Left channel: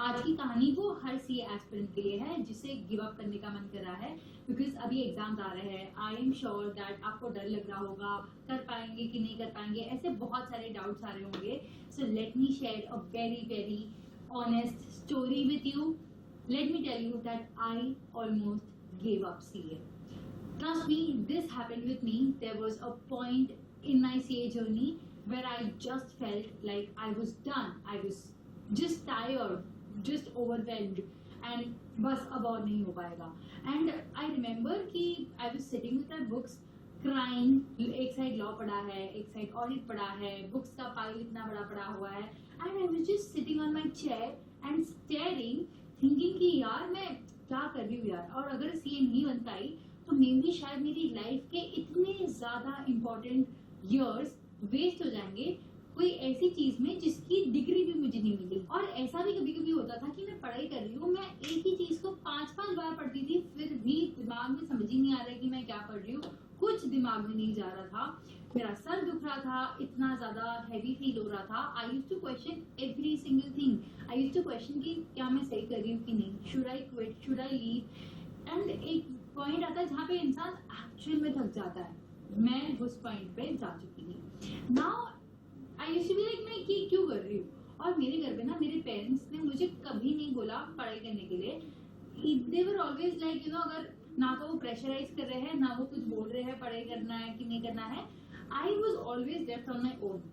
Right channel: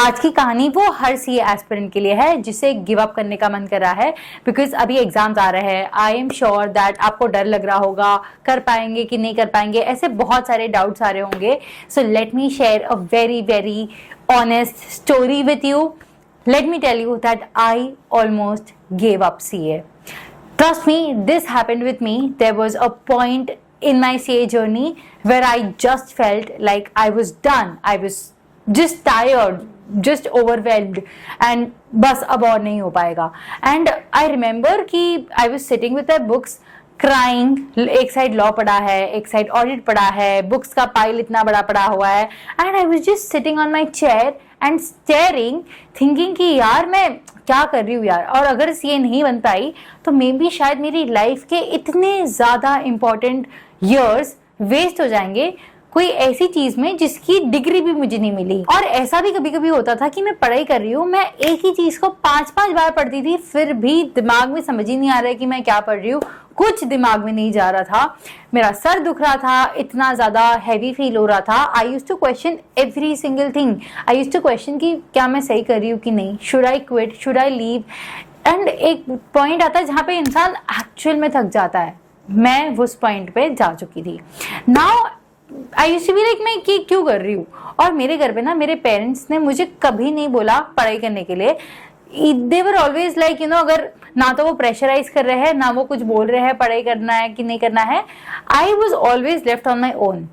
आज की कहानी वो हर सीए एस्पिरेंट के लिए है जिसे गिव अप करने का मन कर रहा है, बिकॉज अभी एग्जाम्स आ रहे हैं। आई एम श्योर दैट आपको डर लग रहा होगा, कर पाएंगे कि नहीं कर पाएंगे, ऐसे बहुत सारे डाउट्स आ रहे होंगे। So let me share a very very honest story with you. Let me tell you that I almost gave up CA. Trust me, this happened with me. There was a point in my CA journey where I just felt like I was done. I was just tired, just overwhelmed, and बस अब और नहीं हो पाएगा. And I remember कि I was sitting with my books, crying. एक side law पढ़ा है, एक साइड ऑडिट पढ़ा है, बुक्स का पाइल इतना बड़ा पड़ा हुआ है, and I was just sitting on my chair and staring, thinking कि यार मैं क्या कर रही हूँ यार, और अगर ये नहीं बन पाई तो मे बी शायद मेरी लाइफ के इतने ज़्यादा इम्पोर्टेंट ईयर्स वेस्ट हो जाएंगे कोई ऐसी चीज में जिसकी डिग्री भी मुझे नहीं मिली. और ऐसा भी कभी कभी होता था कि मैं पढ़ाई कर रही हूँ, मैं एक ही चीज को 5-5 बार पढ़ती थी, फिर भी दिमाग में समझ ही नहीं आ रहा है कि मैं क्या पढ़ रही हूँ. कुछ दिमाग में नहीं जा रहा था, मेरा सर दुख रहा था, इतना ज्यादा हैवी फील हो रहा था. I used to question every single thing. I used to question कि क्या मैं सही कर रही हूँ कि नहीं, should I quit, should I leave. And एक पॉइंट आता है जहाँ पे इंसान एक्चुअल में थक जाता है. मैं उस पॉइंट पे जा चुकी थी. Now I used to be like मैं कि क्यों कर रही हूँ. और मेरे घर पे ना मेरे पेरेंट्स ने मुझे कभी नहीं बोला पढ़ाई करने के लिए. दे वर ऑलवेज लाइक अगर ना तो वो प्रेशराइज कर रहे हैं, ना वो कुछ बोल रहे हैं पढ़ाई करना है कि नहीं करना है. I was always left on my own.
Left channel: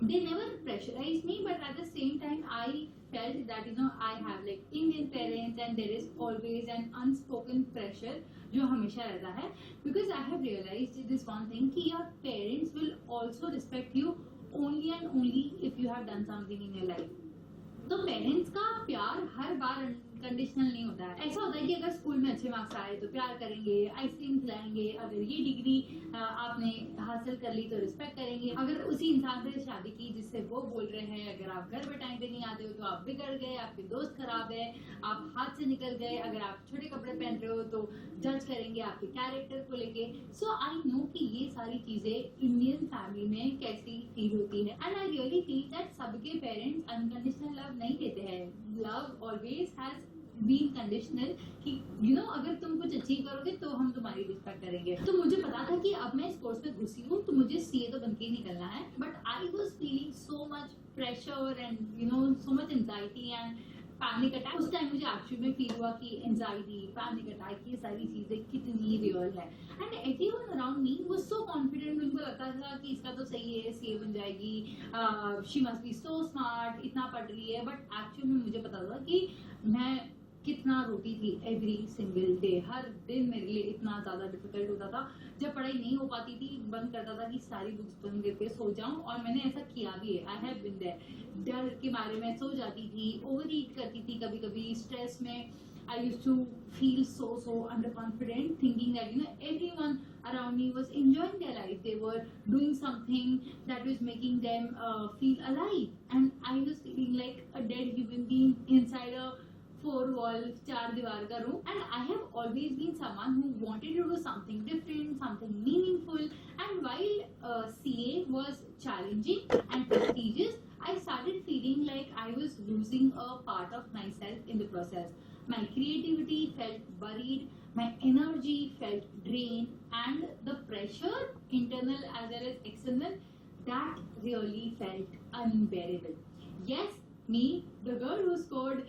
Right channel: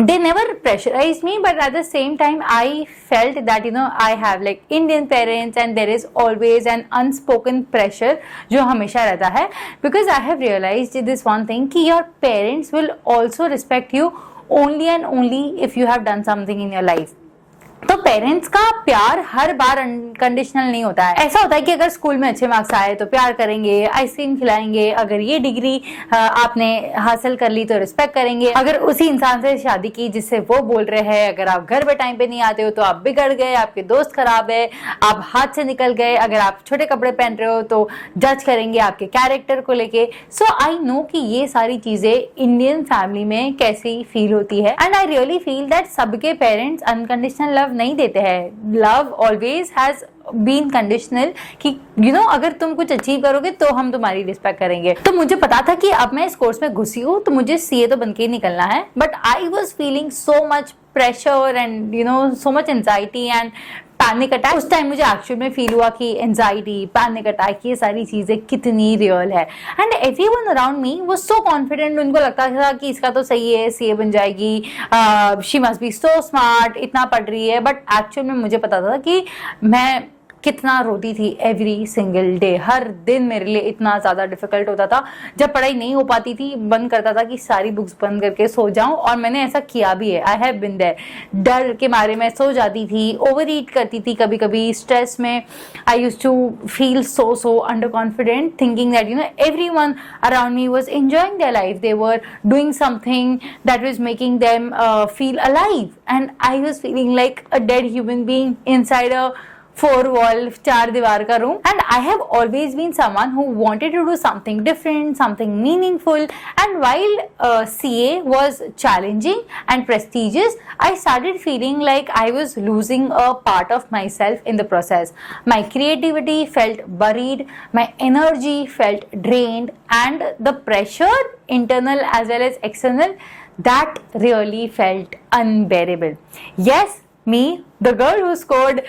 They never pressurized me, but at the same time I felt that I have like Indian parents and there is always an unspoken pressure जो हमेशा रहता है. Because I have realized this one thing कि your parents will also respect you only and only if you have done something in your life. तो parents का प्यार हर बार unconditional नहीं होता है. ऐसा होता है कि अगर स्कूल में अच्छे मार्क्स आए तो प्यार करेंगे, आइसक्रीम खिलाएंगे, अगर ये डिग्री आपने हासिल कर ली तो रिस्पेक्ट करेंगे, अगर उसी इंसान से शादी की जिससे वो बोल रहे हैं, अगर आप घर पे टाइम पे नहीं आते हो तो आप बिगड़ गए, आपके दोस्त खराब है, आप हाथ से निकल गए, अगर आप छोटे कपड़े पहन रहे हो तो जज करेंगे आपके कैरेक्टर को लेके. सो आई नो कि ये सारी चीजें इंडियन फैमिली में कैसी फील होती है. And I really feel that सबके पेरेंट्स अनकंडीशनल लव नहीं देते हैं. Love always has been conditional कि अगर तुम कुछ अचीव करोगे तो हम तुम्हारी रिस्पेक्ट करेंगे. तो मुझे पता था कि अब मैं इस कोर्स में घुसी हूँ तो मुझे सीए तो बन के ही निकलना है. But I was feeling so much pressure and so much anxiety and panic attack. उस टाइम मुझे एक्चुअल में फील हुआ कि एंजाइटी, पैनिक अटैक, ये सारी चीजें कितनी रियल है. And everyone around me was so confident. उनको लगता था कि इसका तो सही है, सीए बन जाएगी, she must be so smart, इतना पढ़ रही है. बट एक्चुअल में मुझे पता था कि मैं कितना रोती थी एवरी सिंगल डे. हर दिन मेरे लिए इतना ज़्यादा डिफिकल्ट होता था. जब पढ़ाई नहीं हो पाती थी, मन करता था कि सारी बुक्स बंद करके सो जाऊं, और मैंने ऐसा किया भी है. I have been there. डर के मारे में सो जाती थी, ओवर ईट करती थी कभी कभी. स्ट्रेस में I used to feel so underconfident, thinking that everyone around me was enjoying their life. They were doing something that was making them feel alive, and I was feeling like a dead human being inside a 4-wall, 4 दीवार का room. And I have always been someone who wanted to do something different, something meaningful. And while CA was challenging and prestigious, I started feeling like I was losing a part of myself in the process. My creativity felt buried, my energy felt drained, and the pressure, internal as well as external, that really felt unbearable. Yes, me, the girl who scored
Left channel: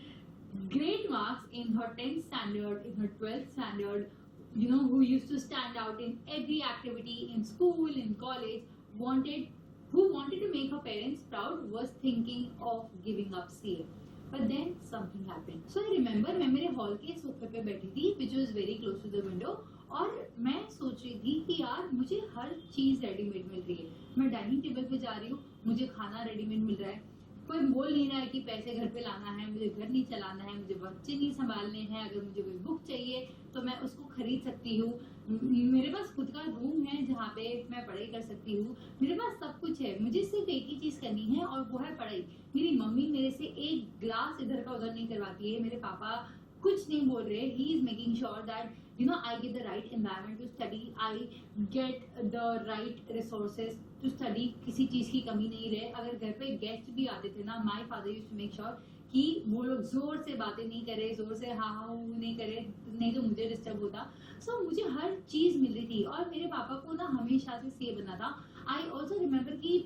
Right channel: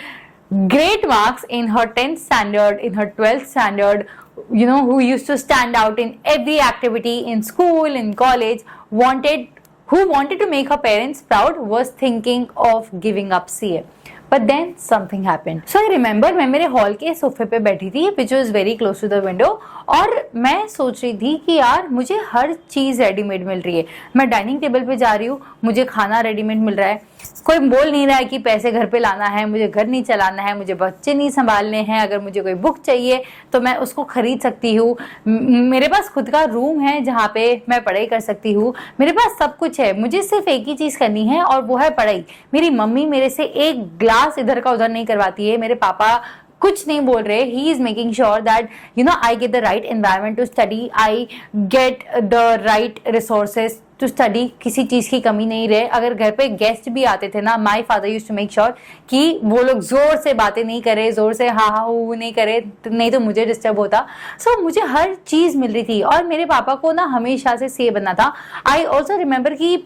great marks in her 10th standard, in her 12th standard, who used to stand out in every activity in school, in college, who wanted to make her parents proud, was thinking of giving up CA. But then something happened. So I remember मैं मेरे hall के सोफे पे बैठी थी, which was very close to the window, और मैं सोच रही थी कि यार मुझे हर चीज़ रेडीमेड मिल रही है. मैं डाइनिंग टेबल पे जा रही हूँ, मुझे खाना रेडीमेड मिल रहा है. कोई बोल नहीं रहा है कि पैसे घर पे लाना है, मुझे घर नहीं चलाना है, मुझे बच्चे नहीं संभालने हैं. अगर मुझे कोई बुक चाहिए तो मैं उसको खरीद सकती हूँ. मेरे पास खुद का रूम है जहाँ पे मैं पढ़ाई कर सकती हूँ. मेरे पास सब कुछ है. मुझे सिर्फ एक ही चीज़ करनी है और वो है पढ़ाई. मेरी मम्मी मेरे से एक ग्लास इधर का उधर नहीं करवाती है. मेरे पापा कुछ नहीं बोल रहे. He is making sure that I get the right environment to study, I get the right resources to study, किसी चीज़ की कमी नहीं रहे। अगर घर पे गेस्ट भी आते थे ना, my father use to make sure कि वो लोग जोर से बातें नहीं करे, जोर से हाँ हाँ वो नहीं करे, नहीं तो मुझे डिस्टर्ब होता। सो मुझे हर चीज़ मिल रही थी। और मेरे पापा को ना हमेशा से सीए बनना था। आई ऑल्सो रिमेम्बर कि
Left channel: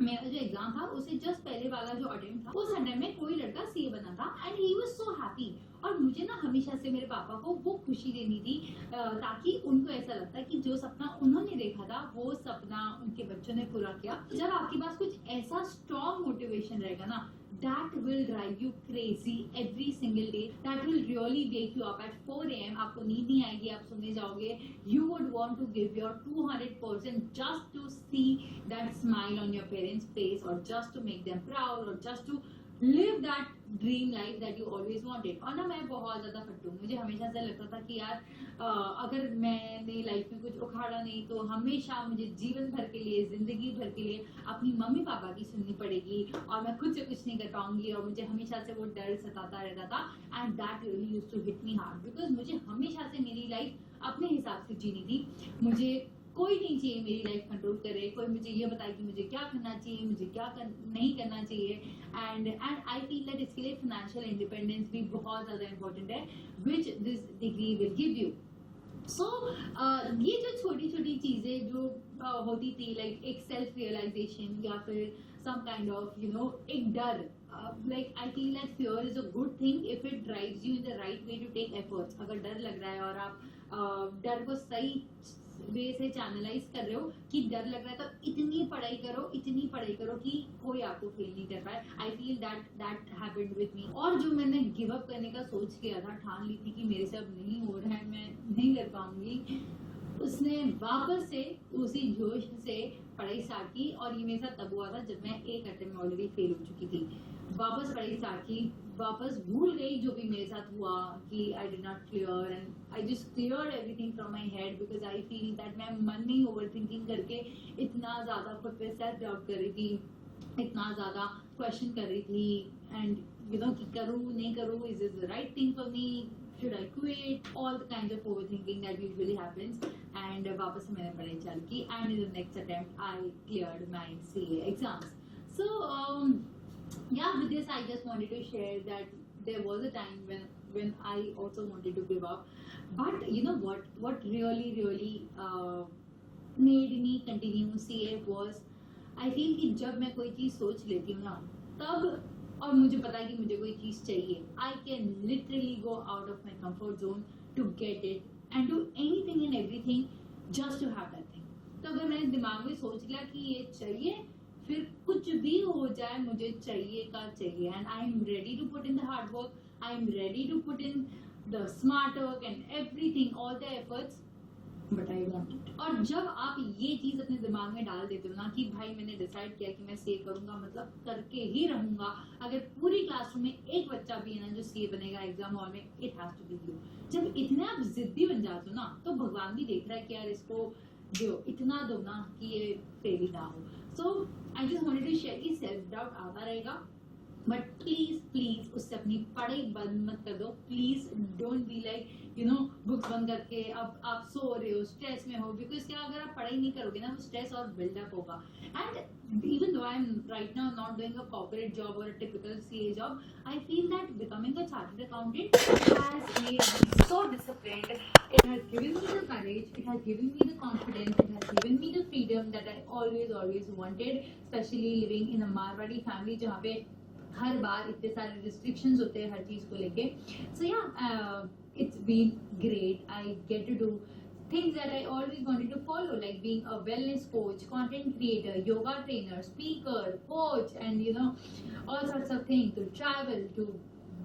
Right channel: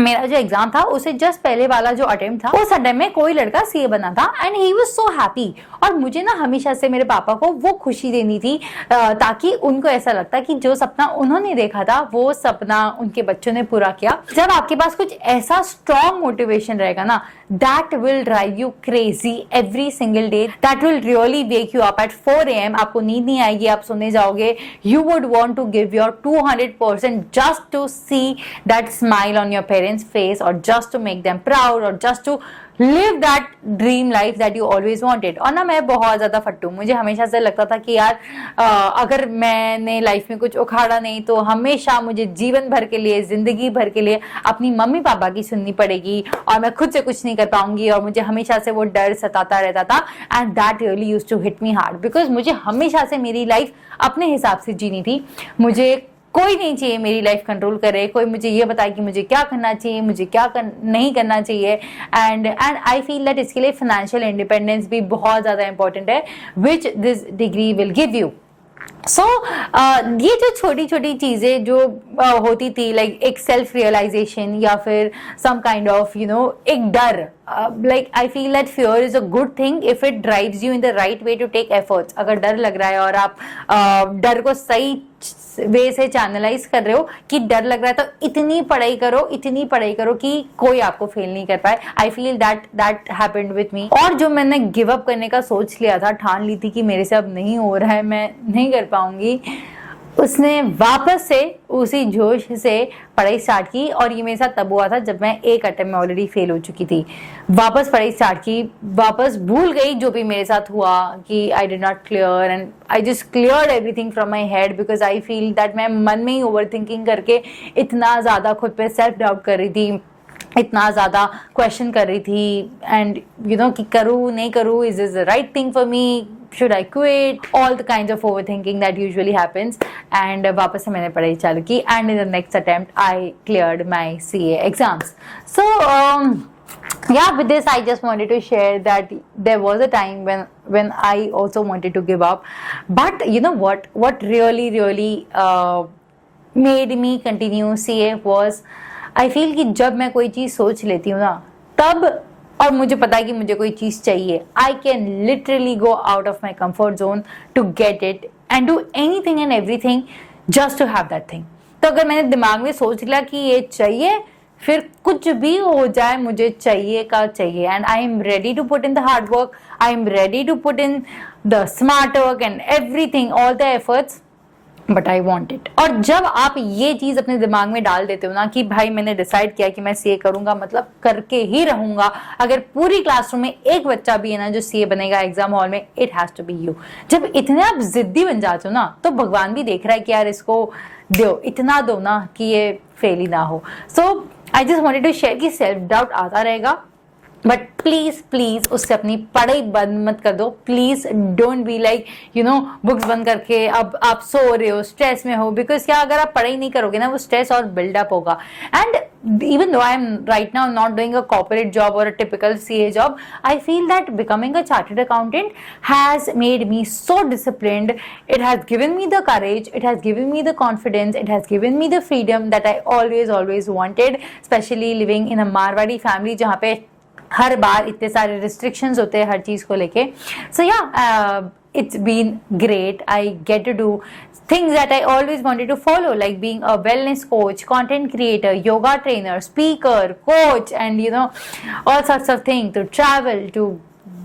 मेरा जो एग्जाम था उसे जस्ट पहले वाला जो अटेम्प्ट था उस अटेम्प्ट में कोई लड़का सीए बना था and he was so happy. और मुझे ना हमेशा से मेरे पापा को वो खुशी देनी थी ताकि उनको ऐसा लगता कि जो सपना उन्होंने देखा था वो सपना उनके बच्चों ने पूरा किया। जब आपके पास कुछ ऐसा स्ट्रॉन्ग मोटिवेशन रहेगा ना, that will drive you crazy every single day, that will really wake you up at 4 AM। आपको नींद नहीं आएगी, आप सोने जाओगे, you would want to give your 200% just to see that smile on your parents face, or just to make them proud, or just to live that dream life that you always wanted। और ना मैं बहुत ज्यादा फट्टू, मुझे हमेशा से लगता था कि यार अगर मैंने लाइफ में कुछ उखाड़ा नहीं तो हमेशा मुझे जीवन भर के लिए, जिंदगी भर के लिए अपनी मम्मी पापा की सुननी पड़ेगी और मैं खुद से कुछ नहीं कर पाऊंगी। और मुझे हमेशा से वो डर सताता रहता था and that really used to hit me hard, because मुझे हमेशा से मेरी लाइफ अपने हिसाब से जीनी थी। मुझे कोई नहीं चाहिए मेरी लाइफ कंट्रोल करे, कोई मुझे ये बताए कि मुझे क्या करना चाहिए, मुझे क्या नहीं करना चाहिए। एंड आई फील दैट इसके लिए फाइनेंशियल इंडिपेंडेंस भी बहुत ज़्यादा इंपॉर्टेंट है, which this degree will give you. So ये जो छोटी छोटी चीज़ें जो होती थी, लाइक एक सेल्फ रियलाइजेशन या फिर सम काइंड ऑफ एक डर, like I feel that fear is a good thing if it drives you in the right way to take efforts. अगर डर लग रहा है और आप डर को सही वे से चैनलाइज कर रहे हो कि डर लग रहा है तो इतनी पढ़ाई करो कि कोई आपको फेल नहीं कर पाए। आई feel that happened with me. और जो मैंने गिव अप करने का सोच लिया था, ठान ली थी कि मेरे से अब नहीं हो रहा है, मैं नहीं कर पाऊंगी, उसने वापस से उसी जोश से पढ़ाई स्टार्ट की। और ये मेरे साथ तब हुआ था जब मैं एक अटेम्प्ट में ऑलरेडी फेल हो चुकी थी। वापस पढ़ाई स्टार्ट की, वापस भूल गई जो भी मेरे साथ हुआ कि I did not clear, and I just cleared everything from my head, because I feel that मैं मन में ही ओवर थिंकिंग करके इतना ज़्यादा खुद पे सेल्फ डाउट कर रही थी, इतना ज़्यादा क्वेश्चन कर रही थी, एंड कि करूँ नहीं करूँ, is this the right thing for me, should I quit, all the kinds of overthinking that usually happens। and वापस से मैंने पढ़ाई चालू की, and in the next attempt I cleared my CA exams। so yeah, with this I just wanted to share that there was a time when I also wanted to give up, but you know what really made me continue CA was I feel कि जब मैं कोई चीज़ सोच लेती हूँ ना, तब और मुझे पता है कि मुझे कोई चीज़ चाहिए, I can literally go out of my comfort zone to get it and do anything and everything just to have that thing. तो अगर मैंने दिमाग में सोच लिया कि ये चाहिए, फिर कुछ भी हो जाए मुझे चाहिए का चाहिए, and I am ready to put in the hard work, I am ready to put in the smart work and everything, all the efforts, but I want it. और जब आप ये चीज़ अपने दिमाग में डाल देते हो ना कि भाई मैंने डिसाइड किया कि मैं सीए करूंगा, मतलब करके ही रहूंगा, अगर पूरी क्लासरूम में एक बच्चा भी है ना जो सीए बनेगा एग्जाम हॉल में, it has to be you. जब इतने आप जिद्दी बन जाते हो ना, तो भगवान भी देख रहा है कि यार इसको दो, इतना दो ना कि ये फेल ही ना हो। So I just wanted to share कि सेल्फ डाउट आता रहेगा, बट प्लीज उससे अपनी पढ़ाई बंद मत कर दो। Please don't be like books बंद करके अब आप सो रहे हो, स्ट्रेस में हो, बिकॉज क्या अगर आप पढ़ाई नहीं करोगे ना, वो स्ट्रेस और बिल्डअप होगा। And even though I am right now not doing a corporate job और a typical CA job, I feel that becoming a chartered accountant has made me so disciplined, it has given me the courage, it has given me the confidence, it has given me the freedom that I always wanted, specially living in a Marwari family जहाँ पे हर बार इतने सारे restrictions होते हैं हर चीज़ को लेके। सो या it's been great. I get to do things that I always wanted to follow, like being a wellness coach, content creator, yoga trainer, speaker, coach, and all sorts of things, to travel, to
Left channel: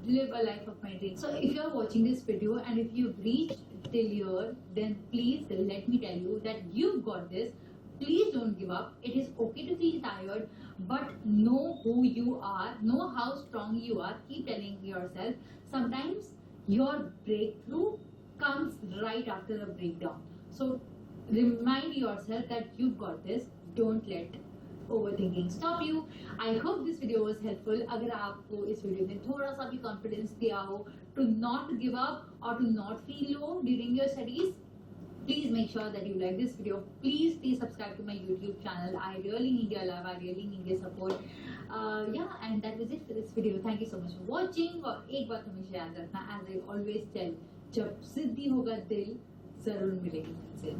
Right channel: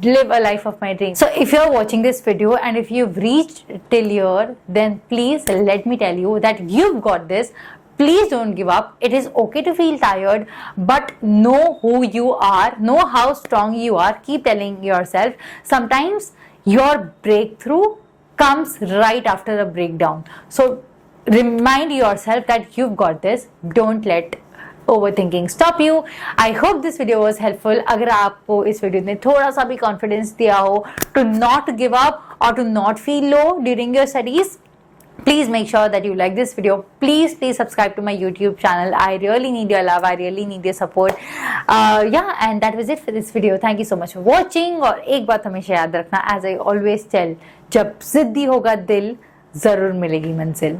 live a life of my dreams. So if you're watching this video and if you've reached till here, then please let me tell you that you've got this. Please don't give up. It is okay to feel tired, but know who you are, know how strong you are. Keep telling yourself. Sometimes your breakthrough comes right after a breakdown. So remind yourself that you've got this. Don't let overthinking stop you. I hope this video was helpful. अगर आपको इस video ने थोड़ा सा भी confidence दिया हो to not give up or to not feel low during your studies, Please make sure that you like this video. Please subscribe to my YouTube channel. I really need your love. I really need your support. Yeah, and that was it for this video. Thank you so much for watching. और एक बात हमेशा याद रखना, as I always tell, जब जिद्दी होगा दिल, जरूर मिलेगी मंजिल.